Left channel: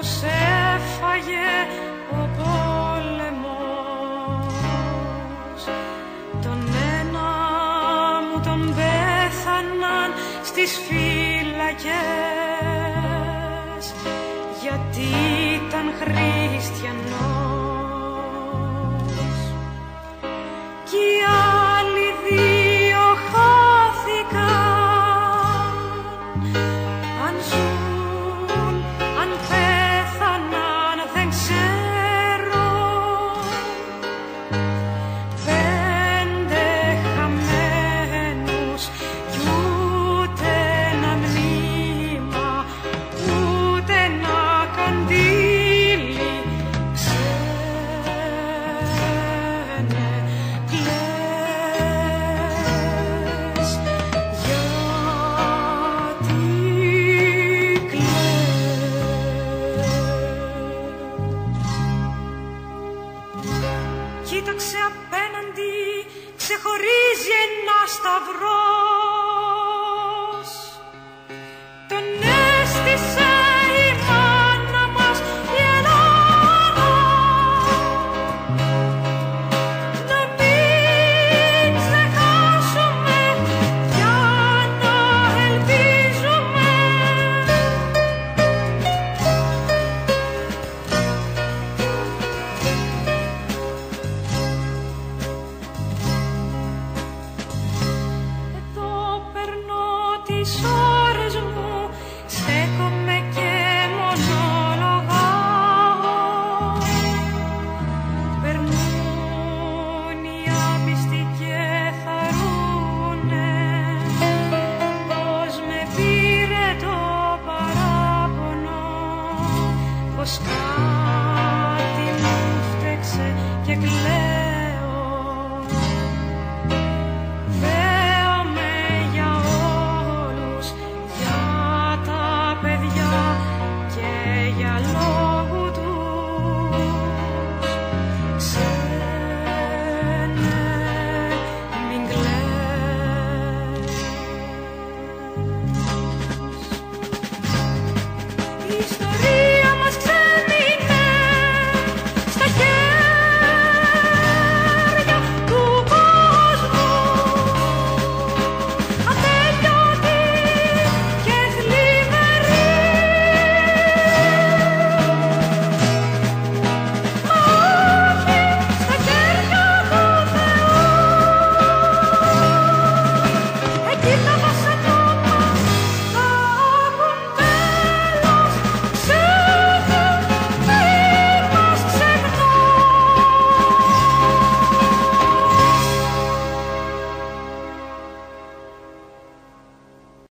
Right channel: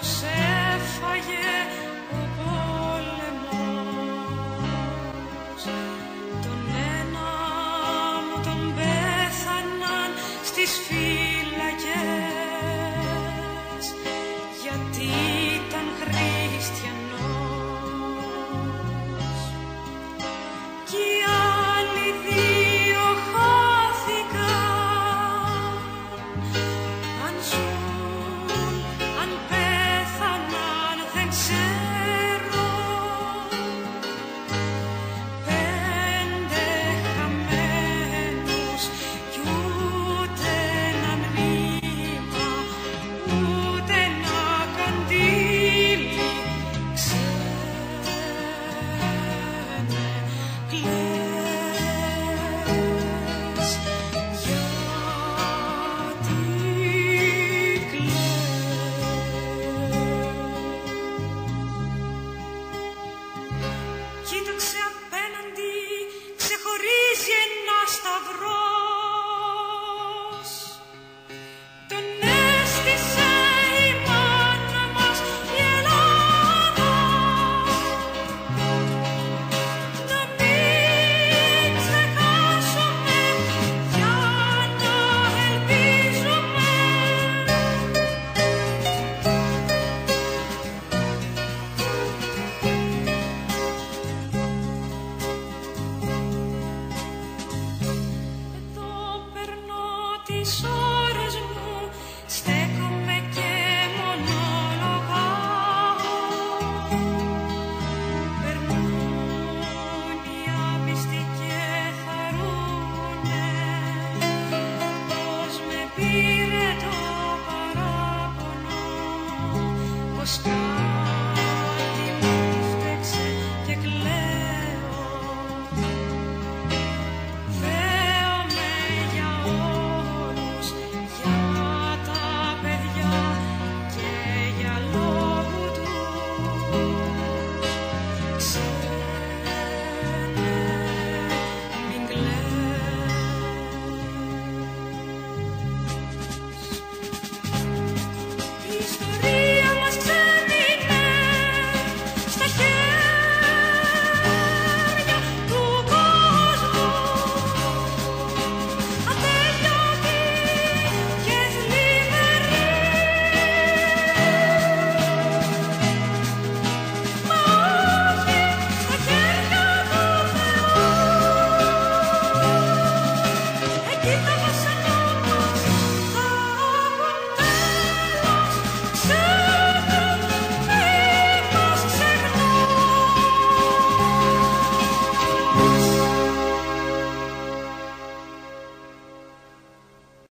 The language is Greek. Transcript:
τους έφαγε ο πόλεμος. Τον ένα μου τον πέθαναν στις φύλακες, γιατί ήταν χριστιανός. Κι οι άλλοι δύο χάθηκαν, αν ζουν, αν πέθαναν δεν ξέρω. 5 χαμένους κι ούτε ένα μνήμα, ούτε ένα καντήλι. Ξένε κλαις, γιατί κλαις. Κοίταξε απέναντι, ξεχωρίζει ένα σταυρός. Τον έστησε η μάνα μας η Ελλάδα, να μην ξεχάσουμε για να ελπίζουμε. Εδώ περνώ τις ώρες μου, στέκομαι και μονολογάω. Περνούν οι άπιστοι και χαρούνε πως με πήρε το παράπονο, πως